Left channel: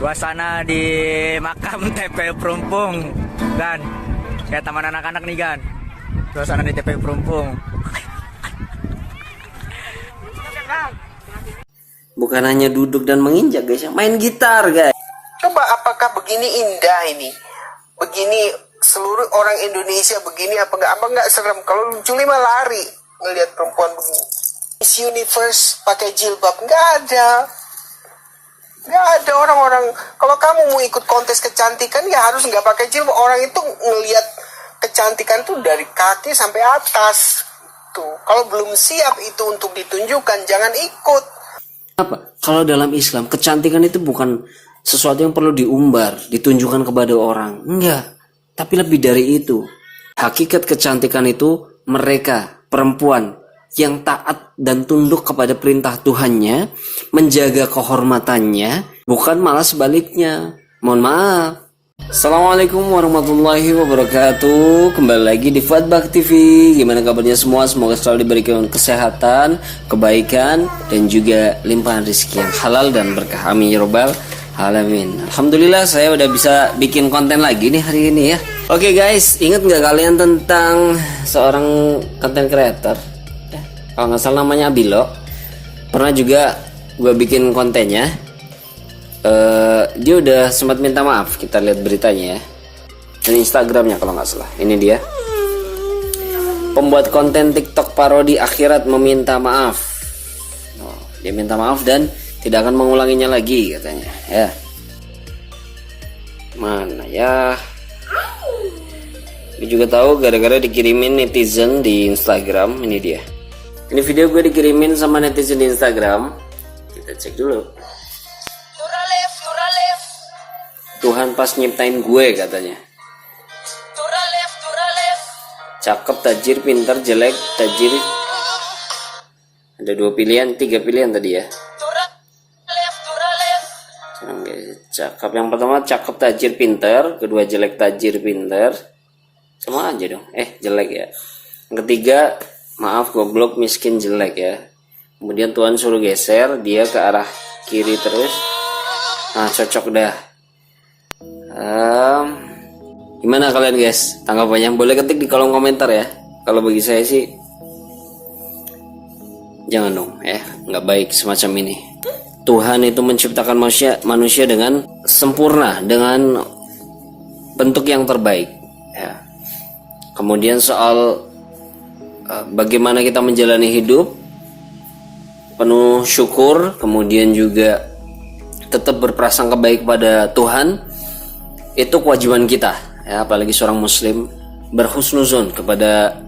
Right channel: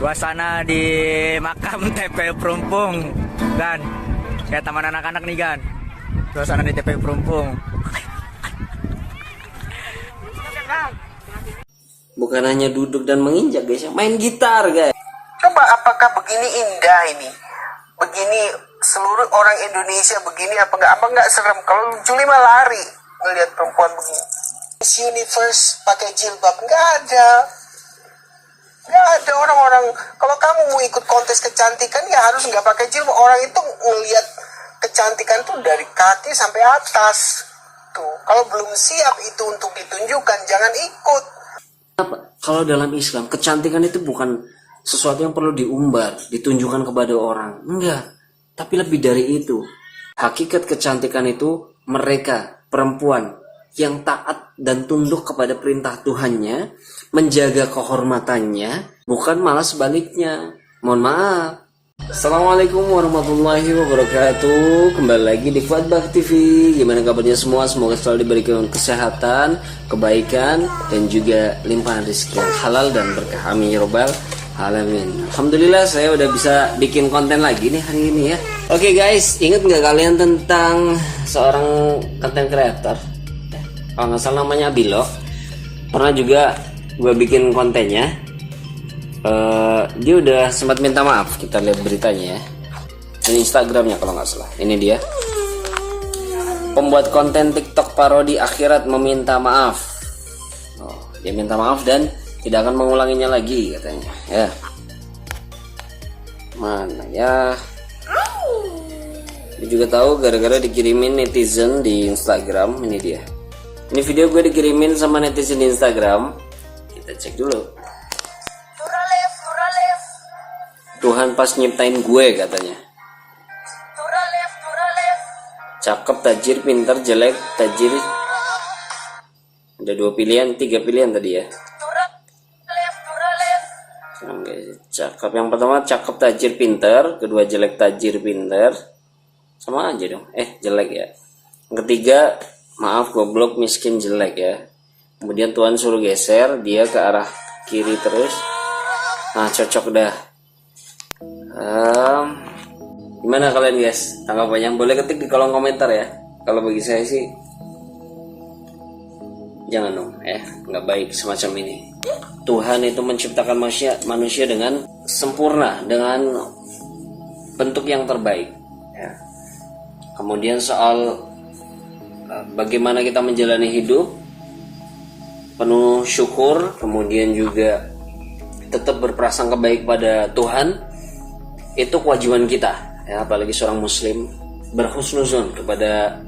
Suasana di makam TPU Perumpung kan, kayak taman anak-anak nih kan. Suasana di TPU Perumpung. Bukan hanya duduk dan menginjak guys, main gitar guys. Coba apakah begini indah ini? Begini seluruh orang Indonesia begini apa enggak serem? Kalau Juli mah lari ngelihat perempuan begini. Miss Universe pakai jilbab nggak ada orang-orang. Kalau kamu mau ikut kontes kecantikan ya harus nggak pakai jilbab. Orang itu ngelihat kecantikan tuh dari kaki sampai atas tuh. Kalau belum siap itu untuk ditunjukkan jangan ikut. Apa? Kalau dalam Islam kecantikan itu bukan sesuatu yang perlu diumbar, ditunjukkan kepada orang. Enggak. Tapi lebih dari itu. Hakikat kecantikan itu mereka perempuan yang taat dan tunduk kepada perintah Tuhannya, menjaga kehormatannya, bukan malah sebaliknya. Mohon maaf. Assalamualaikum warahmatullahi wabarakatuh. Kembali lagi di Fatbak TV. Gimana kabarnya semua? Semoga selalu diberikan kesehatan, kebaikan, dan juga limpahan rezeki yang halal dan berkah. Amin ya robbal alamin. Alhamdulillah saya udah bisa bikin konten lagi nih hari ini ya. Oke guys, ingat nggak kalian tentang seorang content creator? Kalau nggak salah namanya Abilo. Pernah juga gue bikin kontennya. Dia udah sempat minta maaf. Kita lihat beritanya ya. Dan Instagramnya kalau nggak salah. Ini dia. Pembuat konten TikTok parodi akhirat meminta maaf. Dia minta maaf dan tidak akan mengulanginya lagi katanya. Ya. Mana ya? Dia juga tahu gara-gara dikirimin netizen di Instagram. Ini dia. Ini video gue dikirimin sama netizen di Instagram. Kita cek dulu. Tuhan pas nyiptain gue katanya. Cakep, tajir, pintar, jelek, tajir. Ada 2 pilihan, 3 pilihan tadi ya. Cakep. Yang pertama cakep, tajir, pintar. Kedua jelek, tajir, pintar. Sama aja dong. Jelek ya. Yang ketiga, maaf, goblok, miskin, jelek ya. Kemudian Tuhan suruh geser dia ke arah kiri terus. Nah, cocok dah. Gimana kalian guys? Tanggapannya boleh ketik di kolom komentar ya. Kalau bagi saya sih jangan dong ya, nggak baik semacam ini. Tuhan itu menciptakan manusia dengan sempurna, dengan bentuk yang terbaik ya. Kemudian soal bagaimana kita menjalani hidup penuh syukur, kemudian juga tetap berprasangka baik pada Tuhan, itu kewajiban kita ya, apalagi seorang muslim berhusnuzon kepada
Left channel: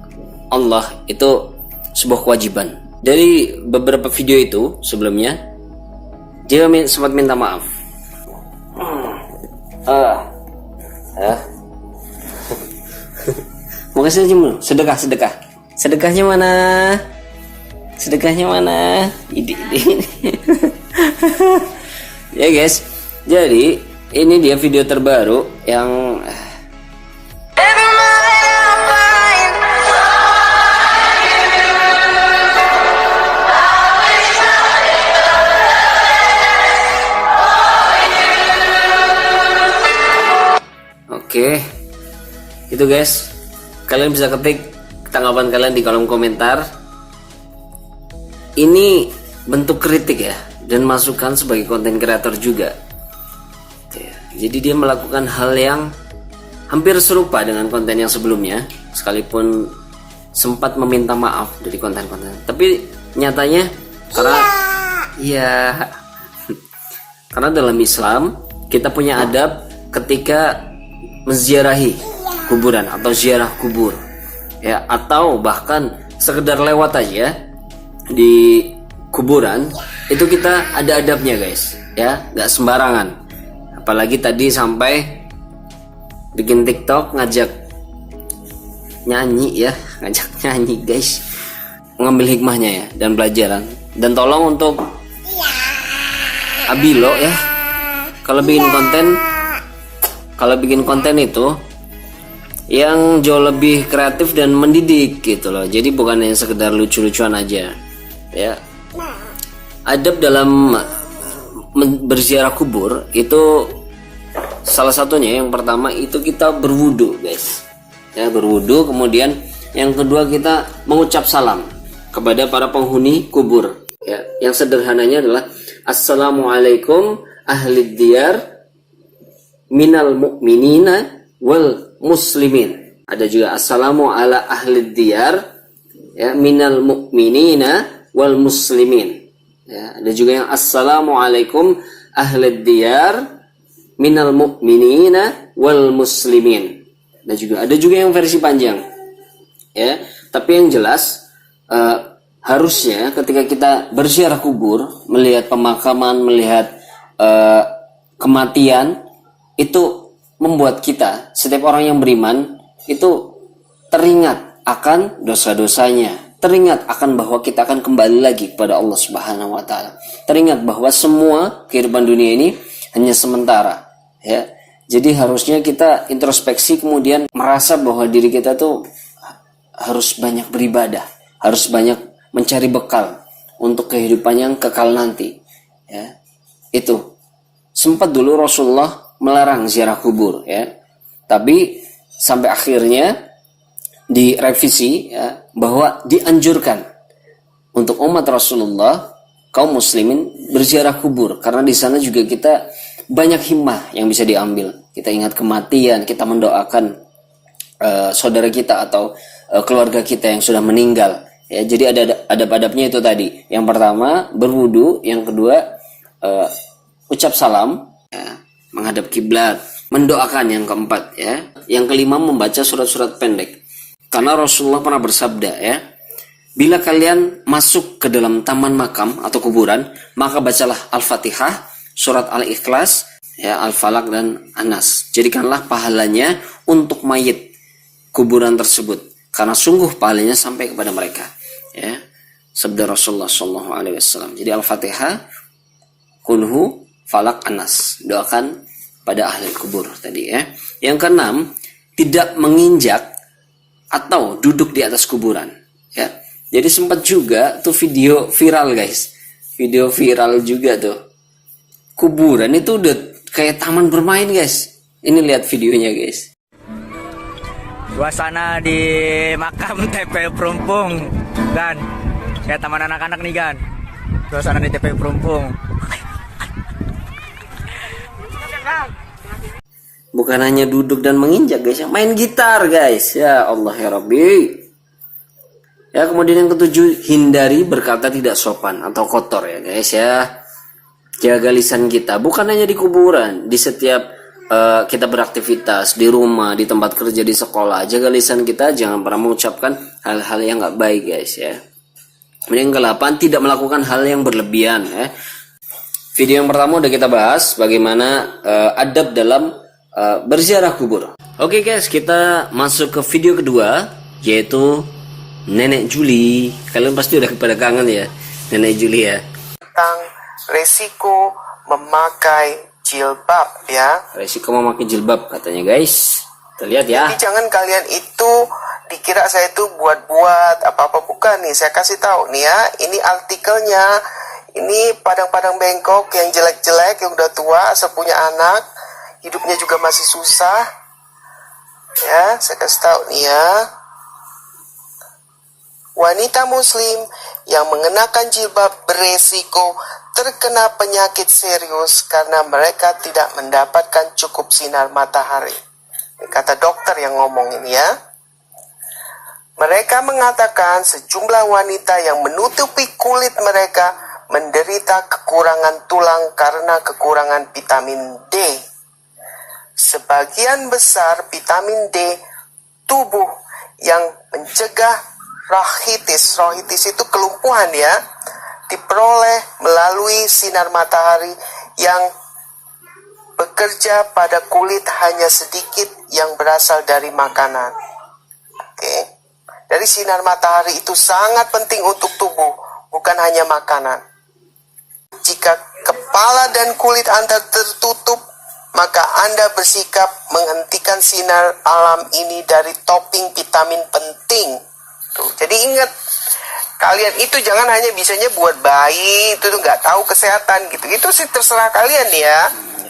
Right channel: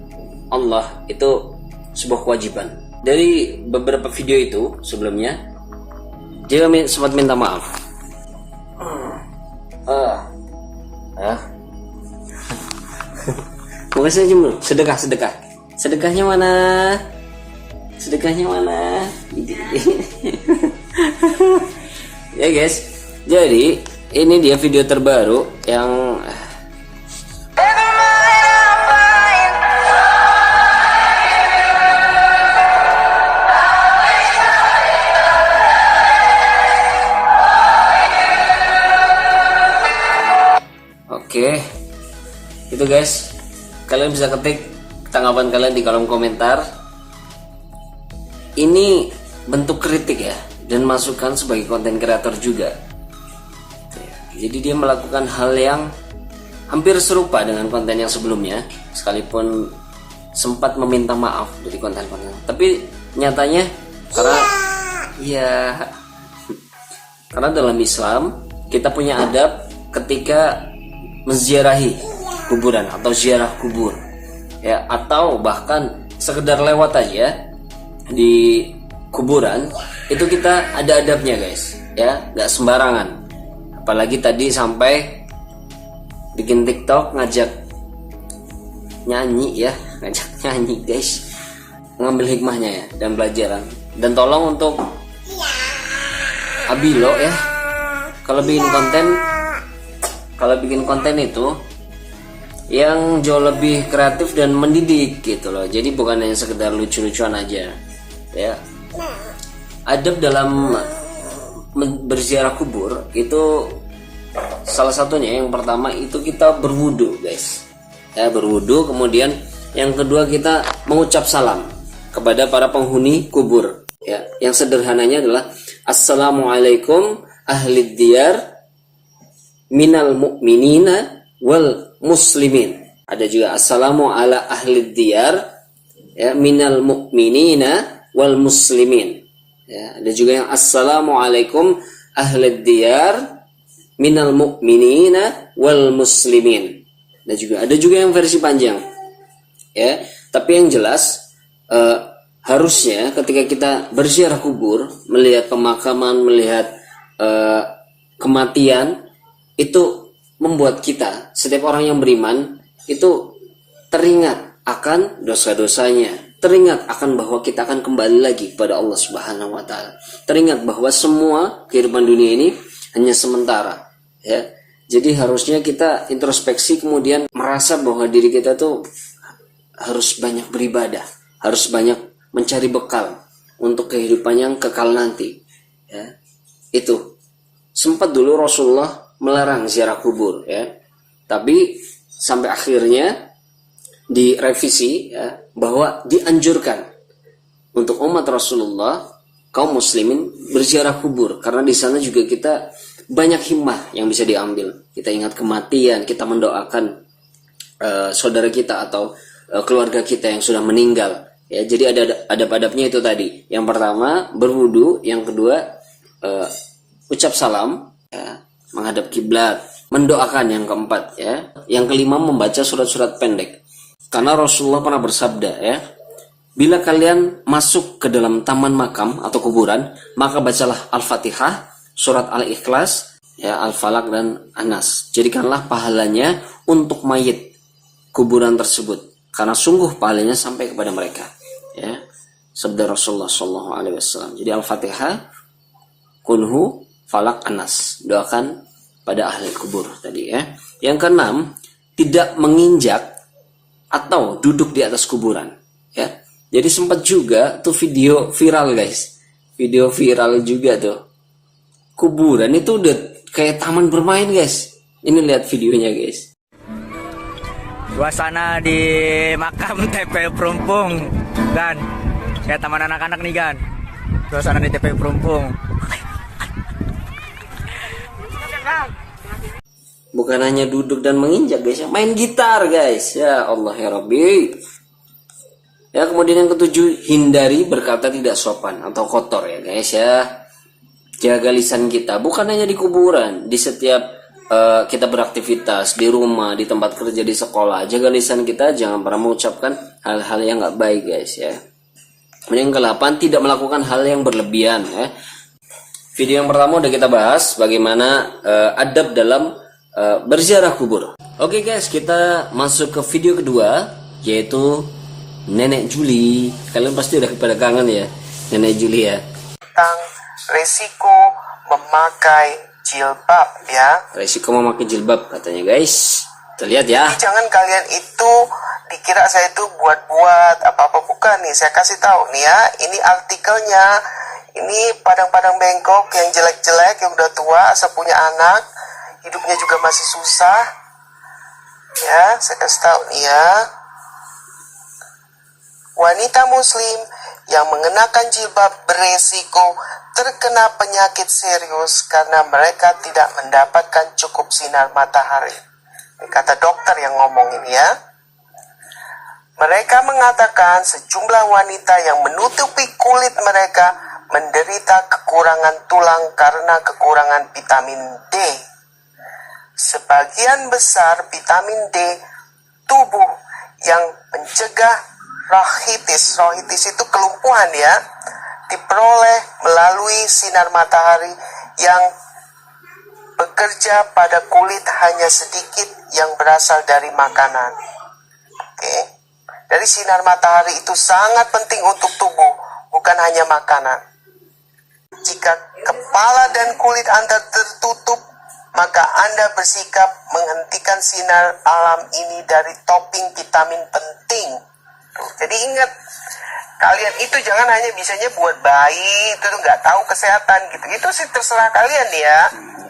Allah itu sebuah kewajiban. Dari beberapa video itu sebelumnya dia sempat minta maaf. Bukan saja dulu, sedekah. Sedekahnya mana? Ide. Ya guys, jadi ini dia video terbaru yang Oke, itu guys, kalian bisa ketik tanggapan kalian di kolom komentar. Ini bentuk kritik ya, dan masukan sebagai konten kreator juga. Jadi dia melakukan hal yang hampir serupa dengan konten yang sebelumnya, sekalipun sempat meminta maaf dari konten-konten. Tapi nyatanya karena dalam Islam kita punya adab ketika menziarahi kuburan atau ziarah kubur ya, atau bahkan sekedar lewat aja di kuburan, itu kita ada adabnya guys ya, nggak sembarangan. Apalagi tadi sampai bikin TikTok ngajak nyanyi guys, mengambil hikmahnya ya dan pelajaran. Dan tolong untuk Abilo ya, kalau bikin konten itu yang jauh lebih kreatif dan mendidik gitu loh. Jadi bukan hanya sekedar lucu-lucuan aja ya. Adab dalam berziarah kubur itu salah satunya yang pertama itu kita berwudu guys ya, berwudu. Kemudian yang kedua kita mengucap salam kepada para penghuni kubur ya. Yang sederhananya adalah assalamualaikum ahli diyar minal mu'minina wal muslimin. Ada juga assalamu ala ahli diyar ya, minal mu'minina wal muslimin ya. Ada juga yang assalamualaikum ahli diyar minal mu'minina wal muslimin. Ada juga yang versi panjang ya. Tapi yang jelas harusnya ketika kita berziarah kubur, melihat pemakaman, melihat kematian, itu membuat kita, setiap orang yang beriman itu teringat akan dosa-dosanya, teringat akan bahwa kita akan kembali lagi kepada Allah Subhanahu wa taala. Teringat bahwa semua kehidupan dunia ini hanya sementara ya. Jadi harusnya kita introspeksi, kemudian merasa bahwa diri kita tuh harus banyak beribadah, harus banyak mencari bekal untuk kehidupan yang kekal nanti ya. Itu sempat dulu Rasulullah melarang ziarah kubur ya, tapi sampai akhirnya direvisi ya, bahwa dianjurkan untuk umat Rasulullah, kaum muslimin berziarah kubur, karena di sana juga kita banyak himmah yang bisa diambil. Kita ingat kematian, kita mendoakan saudara kita atau keluarga kita yang sudah meninggal ya. Jadi ada adab-adabnya itu tadi. Yang pertama berwudu, yang kedua ucap salam ya, menghadap kiblat, mendoakan yang keempat ya. Yang kelima membaca surat-surat pendek. Karena Rasulullah pernah bersabda ya, bila kalian masuk ke dalam taman makam atau kuburan, maka bacalah Al-Fatihah, surat Al-Ikhlas, ya, Al-Falaq dan An-Nas. Jadikanlah pahalanya untuk mayit kuburan tersebut, karena sungguh pahalanya sampai kepada mereka. Ya, sabda Rasulullah SAW. Jadi Al-Fatihah, Kunhu, Falaq, An-Nas. Doakan pada ahli kubur tadi ya. Yang keenam, tidak menginjak atau duduk di atas kuburan. Ya, jadi sempat juga tuh video viral guys, video viral juga tuh. Kuburan itu udah kayak taman bermain guys. Ini lihat videonya guys. Suasana di makam TPU Perumpung kan, kayak taman anak-anak nih kan. Suasana di TPU Perumpung. Bukan hanya duduk dan menginjak guys, main gitar guys. Ya Allah ya Rabbi. Ya, kemudian yang ketujuh, hindari berkata tidak sopan atau kotor ya guys ya. Jaga lisan kita, bukan hanya di kuburan, di setiap kita beraktivitas, di rumah, di tempat kerja, di sekolah. Jaga lisan kita, jangan pernah mengucapkan hal-hal yang nggak baik guys ya. Kemudian yang ke-8, tidak melakukan hal yang berlebihan ya. Video yang pertama udah kita bahas bagaimana adab dalam berziarah kubur. Oke guys, kita masuk ke video kedua, yaitu Nenek Juli. Kalian pasti udah pada kangen ya Nenek Juli ya. Tentang resiko memakai jilbab ya. Resiko memakai jilbab katanya guys. Kita lihat ya. Jadi jangan kalian itu dikira saya itu buat-buat apa-apa, bukan nih. Saya kasih tahu nih ya, ini artikelnya. Ini padang-padang bengkok yang jelek-jelek, yang udah tua, sepunya anak, hidupnya juga masih susah. Ya, saya kasih tahu nih ya. Wanita muslim yang mengenakan jilbab beresiko terkena penyakit serius karena mereka tidak mendapatkan cukup sinar matahari. Ini kata dokter yang ngomong ini ya. Mereka mengatakan sejumlah wanita yang menutupi kulit mereka menderita kekurangan tulang karena kekurangan vitamin D. Sebagian besar vitamin D tubuh yang mencegah rohitis. Rohitis itu kelumpuhan ya, diperoleh melalui sinar matahari yang bekerja pada kulit hanya sedikit yang berasal dari makanan. Oke. Dari sinar matahari itu sangat penting untuk tubuh, bukan hanya makanan. Jika kepala dan kulit Anda tertutup, maka Anda bersikap menghentikan sinar alam ini dari topping vitamin penting. Tuh, jadi ingat, kalian itu jangan hanya bisanya buat bayi, itu tuh nggak tahu kesehatan gitu. Itu sih terserah kalian ya.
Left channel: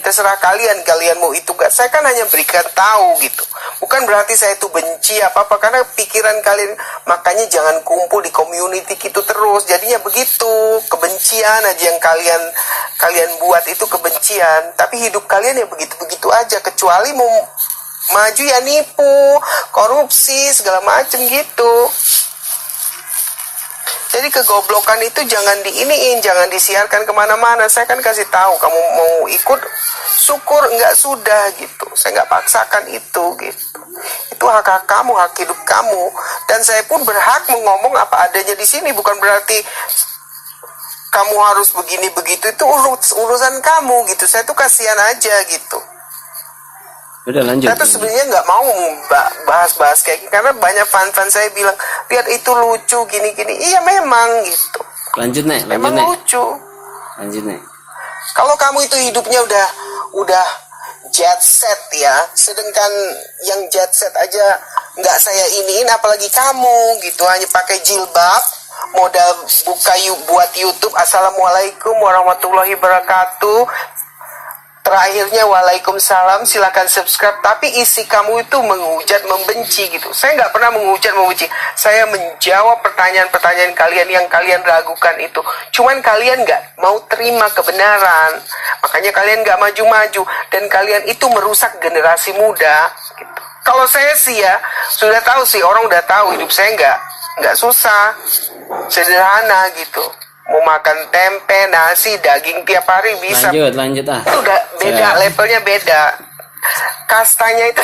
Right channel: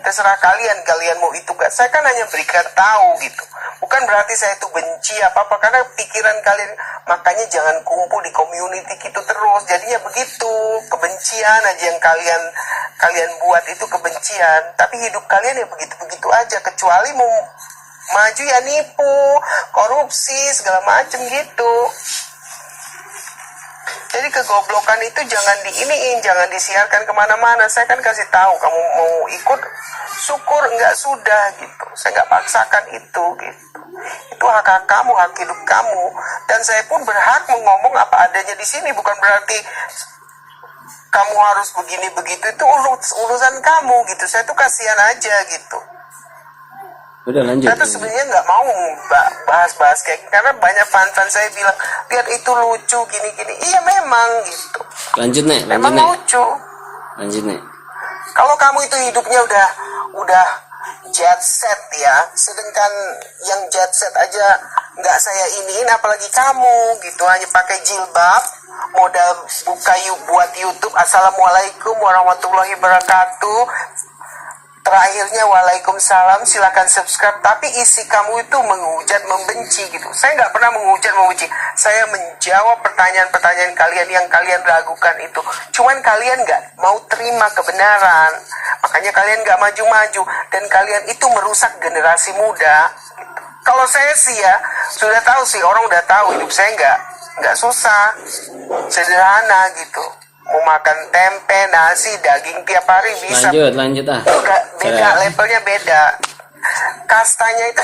Terserah kalian mau itu gak. Saya kan hanya berikan tahu gitu. Bukan berarti saya itu benci apa-apa, karena pikiran kalian, makanya jangan kumpul di community gitu terus. Jadinya begitu, kebencian aja yang kalian buat itu kebencian. Tapi hidup kalian ya begitu-begitu aja, kecuali mau maju ya nipu, korupsi, segala macem gitu. Jadi kegoblokan itu jangan diiniin, jangan disiarkan kemana-mana. Saya kan kasih tahu, kamu mau ikut, syukur, enggak sudah gitu. Saya nggak paksakan itu gitu. Itu hak kamu, hak hidup kamu. Dan saya pun berhak ngomong apa adanya di sini. Bukan berarti kamu harus begini begitu, itu urusan kamu gitu. Saya tuh kasihan aja gitu. Udah lanjut. Saya tuh sebenarnya nggak mau bahas-bahas kayak gini, karena banyak fan-fan saya bilang, lihat itu lucu gini-gini. Iya memang gitu. Lanjut Nek, Memang lucu. Lanjut Nek. Kalau kamu itu hidupnya udah jet set ya, sedangkan yang jet set aja nggak saya iniin, apalagi kamu gitu, hanya pakai jilbab, modal buat YouTube, assalamualaikum warahmatullahi wabarakatuh. Terakhirnya waalaikumsalam, silakan subscribe. Tapi isi kamu itu menghujat, membenci gitu. Saya nggak pernah menghujat, membenci. Saya menjawab pertanyaan-pertanyaan kalian yang kalian ragukan itu. Cuman kalian nggak mau terima kebenaran. Makanya kalian nggak maju-maju. Dan kalian itu merusak generasi muda. Gitu. Kalau saya sih ya, sudah tahu sih, orang udah tahu hidup saya nggak susah. Sederhana gitu. Mau makan tempe, nasi, daging tiap hari bisa. Lanjut ah. Itu udah beda, levelnya beda. Kastanya itu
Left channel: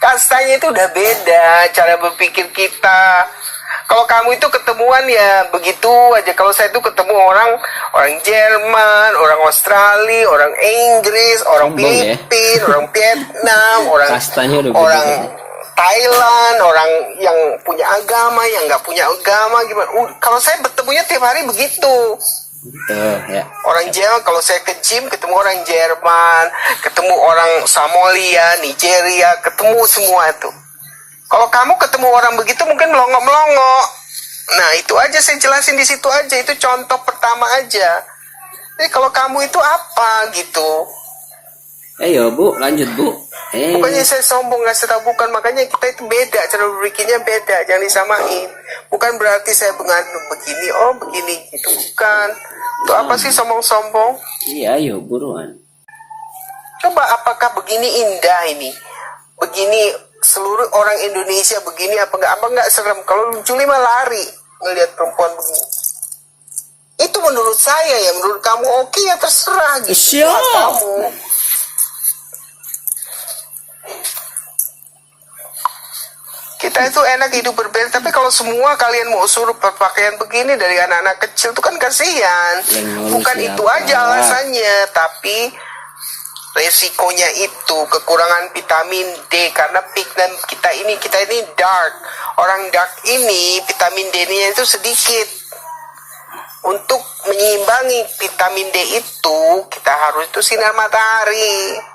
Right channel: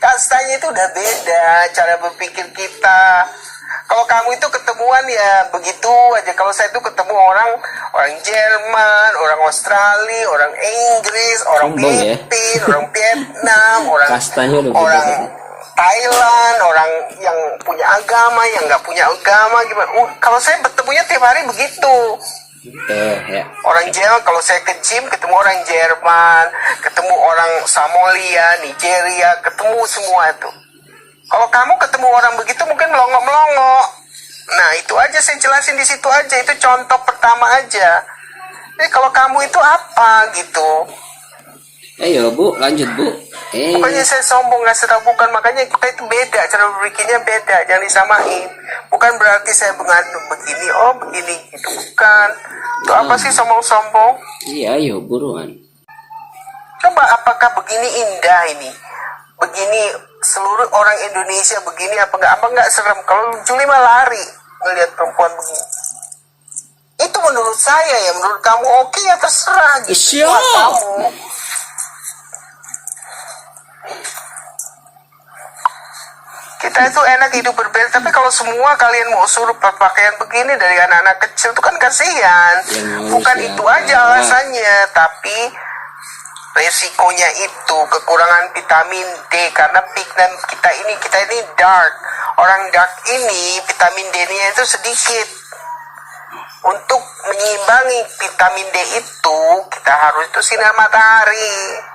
kastanya itu udah beda, cara berpikir kita. Kalau kamu itu ketemuan ya begitu aja. Kalau saya itu ketemu orang Jerman, orang Australia, orang Inggris, orang Filipina, orang Vietnam, orang Thailand, orang yang punya agama, yang nggak punya agama, gimana? Kalau saya bertemunya tiap hari begitu. Ya. Orang Jerman, kalau saya ke gym ketemu orang Jerman, ketemu orang Somalia, Nigeria, ketemu semua itu. Kalau kamu ketemu orang begitu mungkin melongo-melongo. Nah itu aja saya jelasin di situ aja, itu contoh pertama aja. Jadi kalau kamu itu apa gitu? Ayo Bu, lanjut Bu. Bukannya saya sombong, nggak tahu, bukan. Makanya kita itu beda, cara berpikirnya beda, jangan disamain. Bukan berarti saya mengandung begini, begini gitu, bukan. Itu apa sih sombong-sombong? Iya, ayo buruan. Coba apakah begini indah ini? Begini seluruh orang Indonesia begini apa nggak serem? Kalau Juli mah lari ngelihat perempuan begini. Itu menurut saya ya, menurut kamu oke ya terserah gitu. Kamu. Kita itu enak hidup berbeda, tapi kalau semua kalian mau suruh berpakaian begini dari anak-anak kecil itu kan kasihan. Bukan itu aja alasannya, tapi resikonya itu kekurangan vitamin D, karena pigment kita ini dark. Orang dark ini vitamin D-nya itu sedikit. Untuk menyeimbangi vitamin D itu kita harus itu sinar matahari.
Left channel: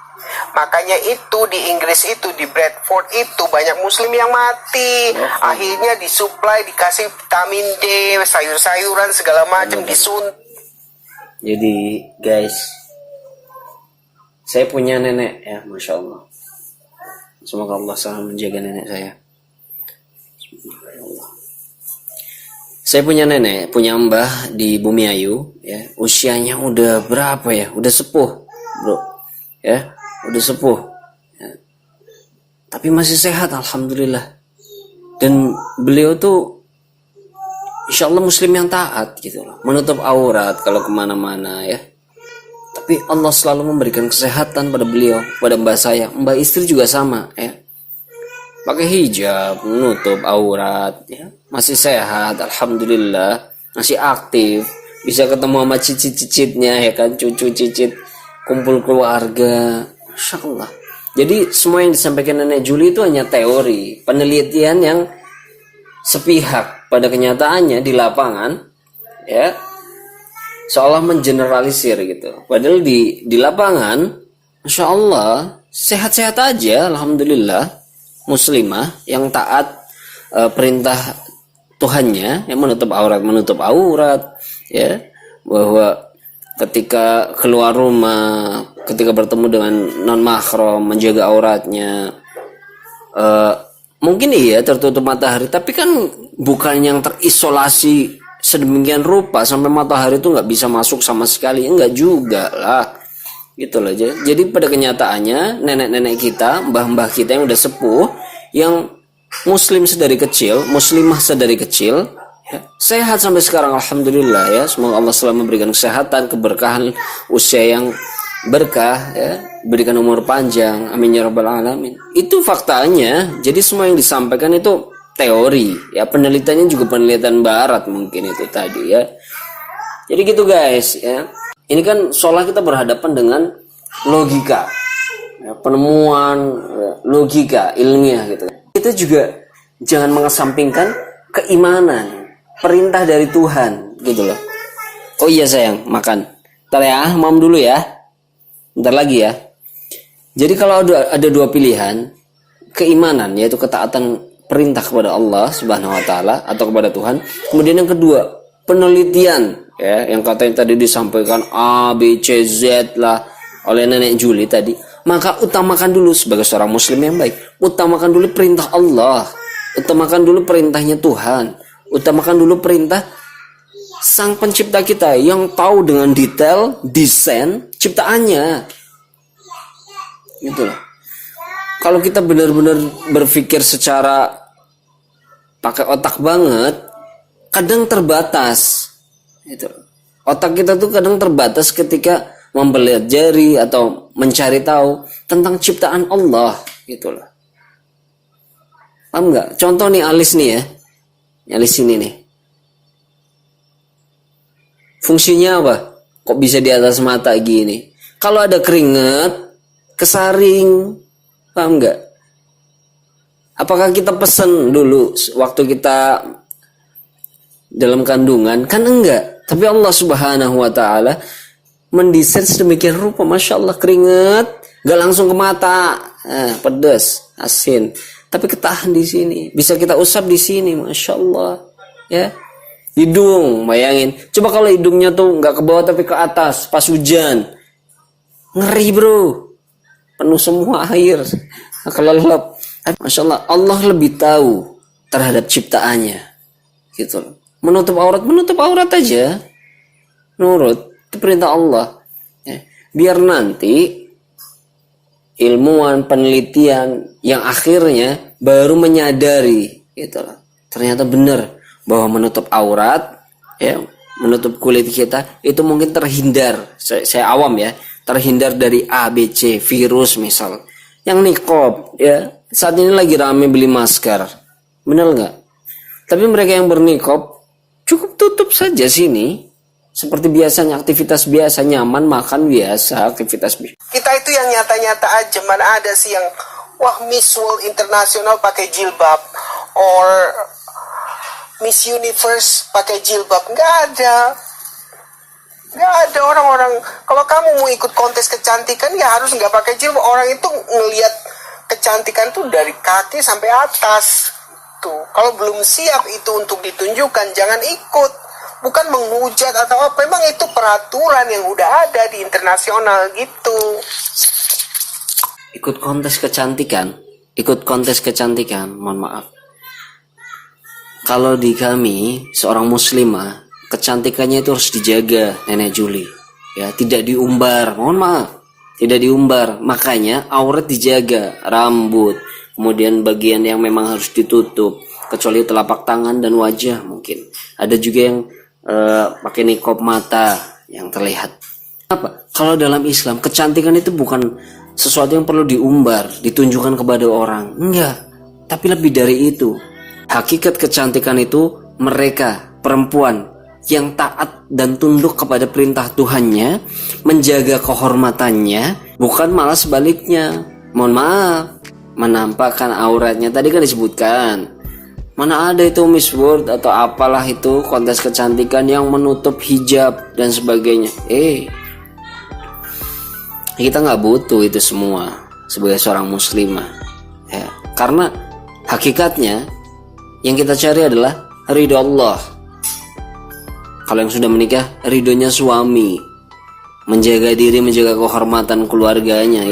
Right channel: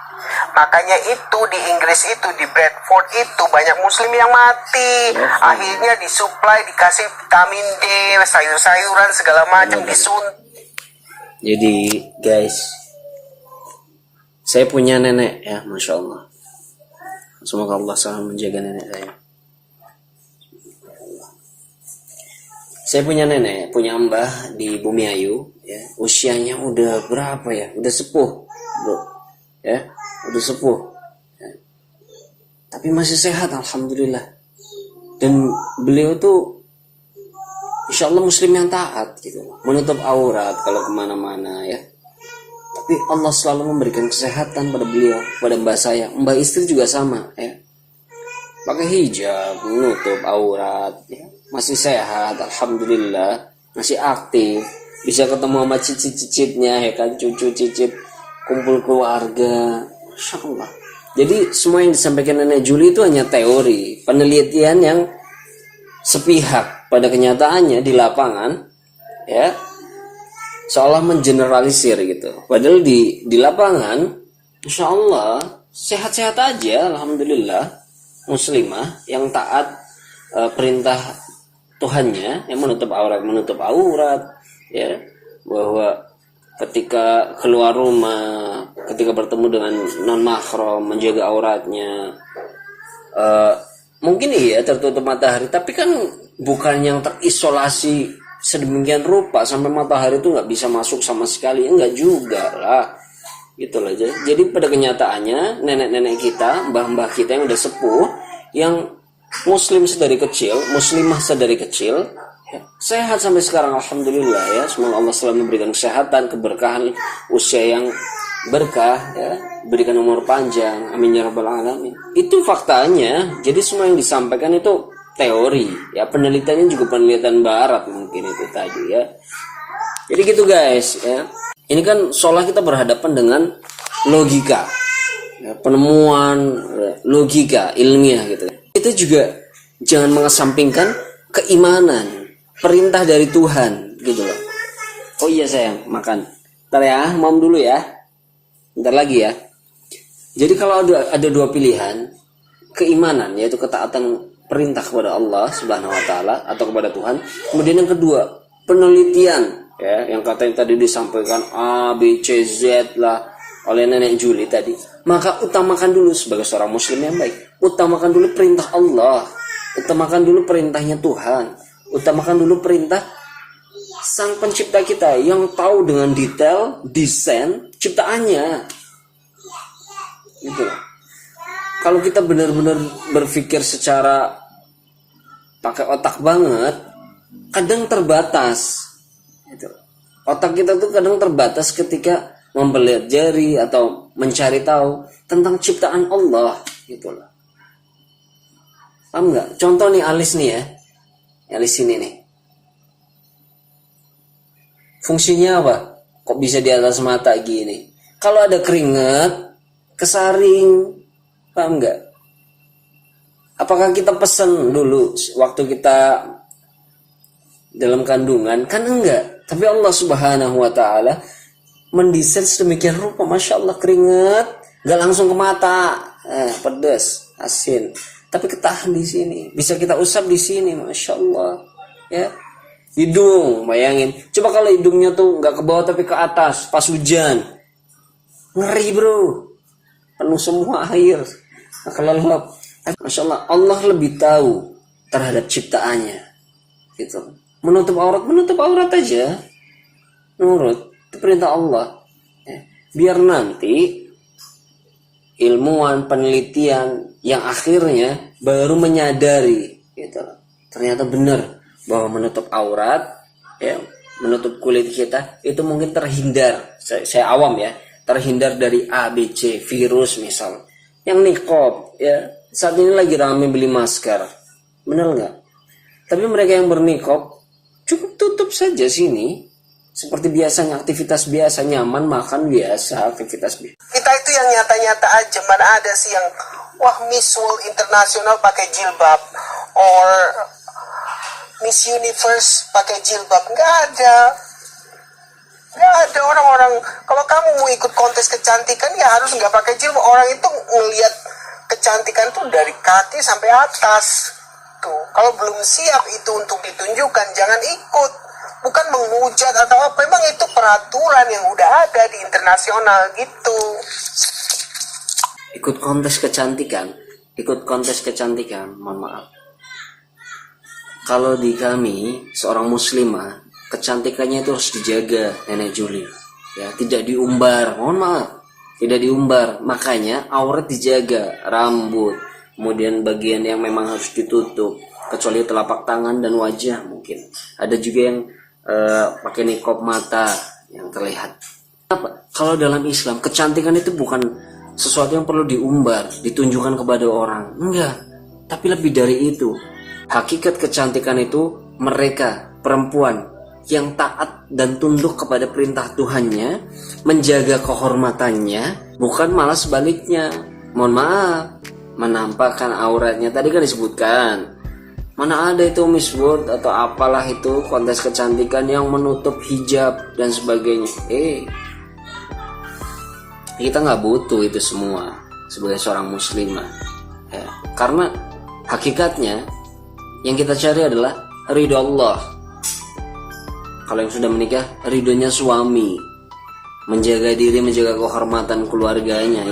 Makanya itu di Inggris itu, di Bradford itu banyak muslim yang mati. Akhirnya disuplai, dikasih vitamin D, sayur-sayuran segala macam disuntik. Jadi guys, saya punya nenek ya, Masya Allah. Semoga Allah selalu menjaga nenek saya. Saya punya nenek, punya mbah di Bumi Ayu ya. Usianya udah berapa ya? Udah sepuh bro ya. Udah sepuh ya. Tapi masih sehat alhamdulillah. Dan beliau tuh insya Allah muslim yang taat gitu loh, menutup aurat kalau kemana-mana ya. Tapi Allah selalu memberikan kesehatan pada beliau, pada mbak saya. Mbak istri juga sama ya, pakai hijab, menutup aurat ya. Masih sehat alhamdulillah, masih aktif, bisa ketemu sama cicit-cicitnya ya kan, cucu cicit, kumpul keluarga. Masya Allah. Jadi semua yang disampaikan Nenek Juli itu hanya teori, penelitian yang sepihak, pada kenyataannya di lapangan ya seolah mengeneralisir gitu. Padahal di lapangan Masya Allah sehat-sehat aja alhamdulillah, muslimah yang taat perintah Tuhannya, yang menutup aurat, ya, bahwa ketika keluar rumah, ketika bertemu dengan non mahram, menjaga auratnya, mungkin iya tertutup matahari, tapi kan bukan yang terisolasi sedemikian rupa sampai matahari itu nggak bisa masuk sama sekali, enggak juga lah, gitu loh. Jadi pada kenyataannya nenek-nenek kita, mbah-mbah kita yang udah sepuh, yang muslim sedari kecil, muslimah sedari kecil, ya, sehat sampai sekarang, alhamdulillah ya. Semoga Allah selalu memberikan kesehatan, keberkahan, usia yang berkah, ya, berikan umur panjang, amin ya rabbal alamin. Itu faktanya. Jadi semua yang disampaikan itu teori, ya, penelitiannya juga penelitian barat mungkin itu tadi, ya. Jadi gitu guys, ya. Ini kan seolah kita berhadapan dengan logika, ya, penemuan logika ilmiah gitu. Itu juga jangan mengesampingkan keimanan, perintah dari Tuhan gitu loh. Oh iya sayang, makan. Ntar ya, mam dulu ya. Bentar lagi ya. Jadi kalau ada dua pilihan, keimanan yaitu ketaatan perintah kepada Allah Subhanahu wa taala atau kepada Tuhan. Kemudian yang kedua, penelitian, ya, yang katanya tadi disampaikan A, B, C, Z lah oleh nenek Juli tadi. Maka utamakan dulu sebagai seorang muslim yang baik, utamakan dulu perintah Allah, utamakan dulu perintahnya Tuhan, utamakan dulu perintah Sang Pencipta kita yang tahu dengan detail desain ciptaannya. Gitu loh. Kalau kita benar-benar berpikir secara pakai otak banget, kadang terbatas. Gitu. Otak kita tuh kadang terbatas ketika mempelajari atau mencari tahu tentang ciptaan Allah, gitu loh. Paham nggak? Contoh nih alis nih ya, alis ini nih. Fungsinya apa? Kok bisa di atas mata gini? Kalau ada keringat, kesaring, paham nggak? Apakah kita pesan dulu waktu kita dalam kandungan? Kan enggak. Tapi Allah Subhanahu wa taala mendesain sedemikian rupa, masya Allah, keringat gak langsung ke mata, pedas, asin, tapi ketahan di sini, bisa kita usap di sini, masya Allah, ya. Hidung, bayangin, coba kalau hidungnya tuh nggak ke bawah tapi ke atas, pas hujan, ngeri bro, penuh semua air, kelelep. Masya Allah, Allah lebih tahu terhadap ciptaannya, gitu. Menutup aurat aja, nurut. Itu perintah Allah, ya. Biar nanti ilmuwan penelitian yang akhirnya baru menyadari gitu, ternyata benar bahwa menutup aurat, ya, menutup kulit kita itu mungkin terhindar, saya awam ya, terhindar dari A, B, C, virus misal. Yang niqab, ya, saat ini lagi rame beli masker, benar nggak? Tapi mereka yang berniqab cukup tutup saja sini. Seperti biasanya, aktivitas biasa, nyaman, makan biasa, aktivitas biasa. Kita itu yang nyata-nyata aja. Mana ada sih yang, wah, Miss World International pakai jilbab, or Miss Universe pakai jilbab. Nggak ada. Nggak ada orang-orang. Kalau kamu mau ikut kontes kecantikan, ya harus nggak pakai jilbab. Orang itu ngelihat kecantikan tuh dari kaki sampai atas. Tuh, kalau belum siap itu untuk ditunjukkan, jangan ikut. Bukan menghujat atau apa, memang itu peraturan yang udah ada di internasional gitu. Ikut kontes kecantikan, mohon maaf. Kalau di kami, seorang muslimah, kecantikannya itu harus dijaga, Nenek Juli. Ya, tidak diumbar, mohon maaf. Tidak diumbar, makanya aurat dijaga, rambut, kemudian bagian yang memang harus ditutup, kecuali telapak tangan dan wajah mungkin. Ada juga yang pakai niqab mata yang terlihat. Apa? Kalau dalam Islam kecantikan itu bukan sesuatu yang perlu diumbar, ditunjukkan kepada orang. Enggak. Tapi lebih dari itu. Hakikat kecantikan itu mereka, perempuan yang taat dan tunduk kepada perintah Tuhannya, menjaga kehormatannya, bukan malah sebaliknya. Mohon maaf, menampakkan auratnya. Tadi kan disebutkan, mana ada itu Miss World atau apalah itu kontes kecantikan yang menutup hijab dan sebagainya. Kita nggak butuh itu semua sebagai seorang muslimah, ya. Karena hakikatnya yang kita cari adalah ridho Allah. Kalau yang sudah menikah, ridhonya suami. Menjaga diri, menjaga kehormatan keluarganya.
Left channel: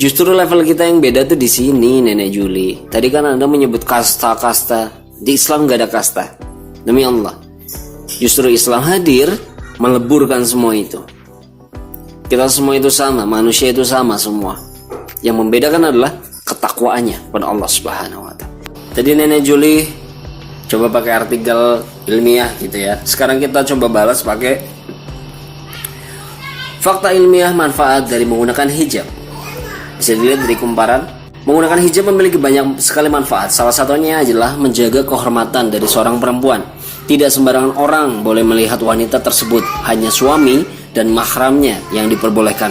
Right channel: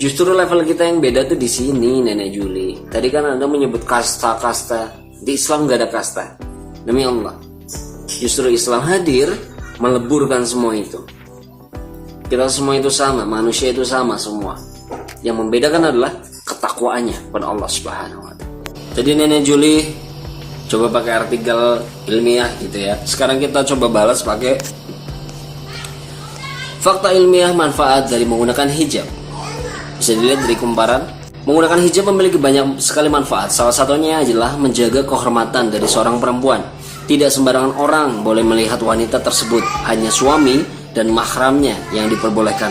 Justru level kita yang beda tuh di sini, Nenek Juli. Tadi kan Anda menyebut kasta-kasta. Di Islam gak ada kasta. Demi Allah. Justru Islam hadir meleburkan semua itu. Kita semua itu sama, manusia itu sama semua. Yang membedakan adalah ketakwaannya pada Allah Subhanahu wa taala. Jadi Nenek Juli coba pakai artikel ilmiah gitu ya. Sekarang kita coba balas pakai fakta ilmiah manfaat dari menggunakan hijab. Bisa dilihat dari kumparan. Menggunakan hijab memiliki banyak sekali manfaat. Salah satunya adalah menjaga kehormatan dari seorang perempuan. Tidak sembarangan orang boleh melihat wanita tersebut. Hanya suami dan mahramnya yang diperbolehkan.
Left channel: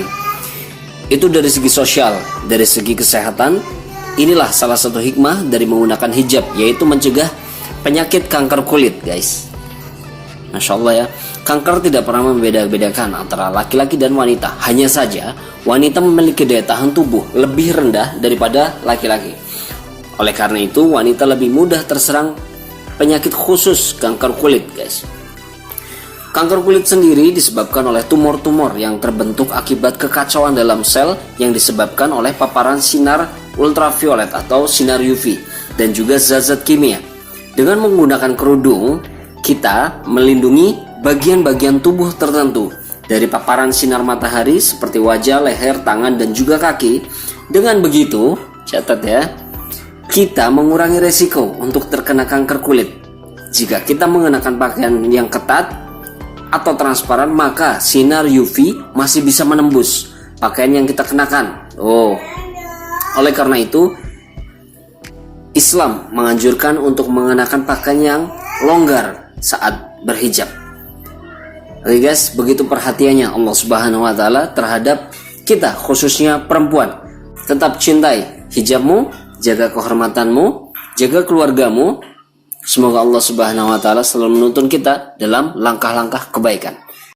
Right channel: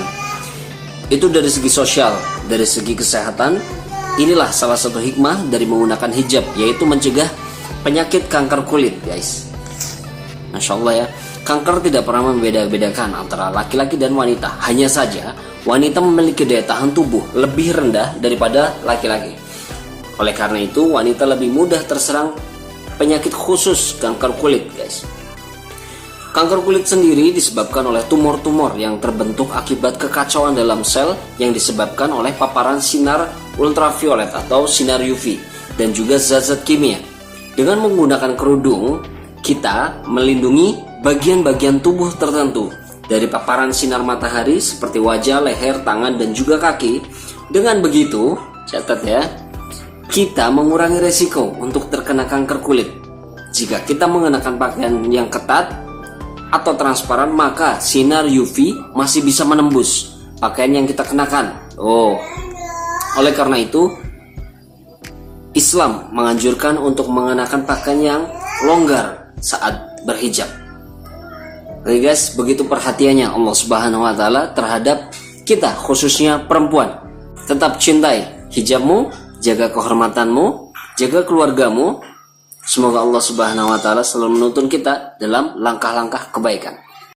Itu dari segi sosial. Dari segi kesehatan, inilah salah satu hikmah dari menggunakan hijab, yaitu mencegah penyakit kanker kulit, guys. Masya Allah ya. Kanker tidak pernah membeda-bedakan antara laki-laki dan wanita. Hanya saja wanita memiliki daya tahan tubuh lebih rendah daripada laki-laki. Oleh karena itu wanita lebih mudah terserang penyakit khusus kanker kulit, guys. Kanker kulit sendiri disebabkan oleh tumor-tumor yang terbentuk akibat kekacauan dalam sel yang disebabkan oleh paparan sinar ultraviolet atau sinar UV dan juga zat-zat kimia. Dengan menggunakan kerudung, kita melindungi bagian-bagian tubuh tertentu dari paparan sinar matahari seperti wajah, leher, tangan, dan juga kaki. Dengan begitu, catat ya, kita mengurangi resiko untuk terkena kanker kulit. Jika kita mengenakan pakaian yang ketat atau transparan, maka sinar UV masih bisa menembus pakaian yang kita kenakan. Oleh karena itu, Islam menganjurkan untuk mengenakan pakaian yang longgar saat berhijab. Oke guys, begitu perhatiannya Allah Subhanahu wa taala terhadap kita, khususnya perempuan. Tetap cintai hijabmu, jaga kehormatanmu, jaga keluargamu. Semoga Allah Subhanahu wa taala selalu menuntun kita dalam langkah-langkah kebaikan.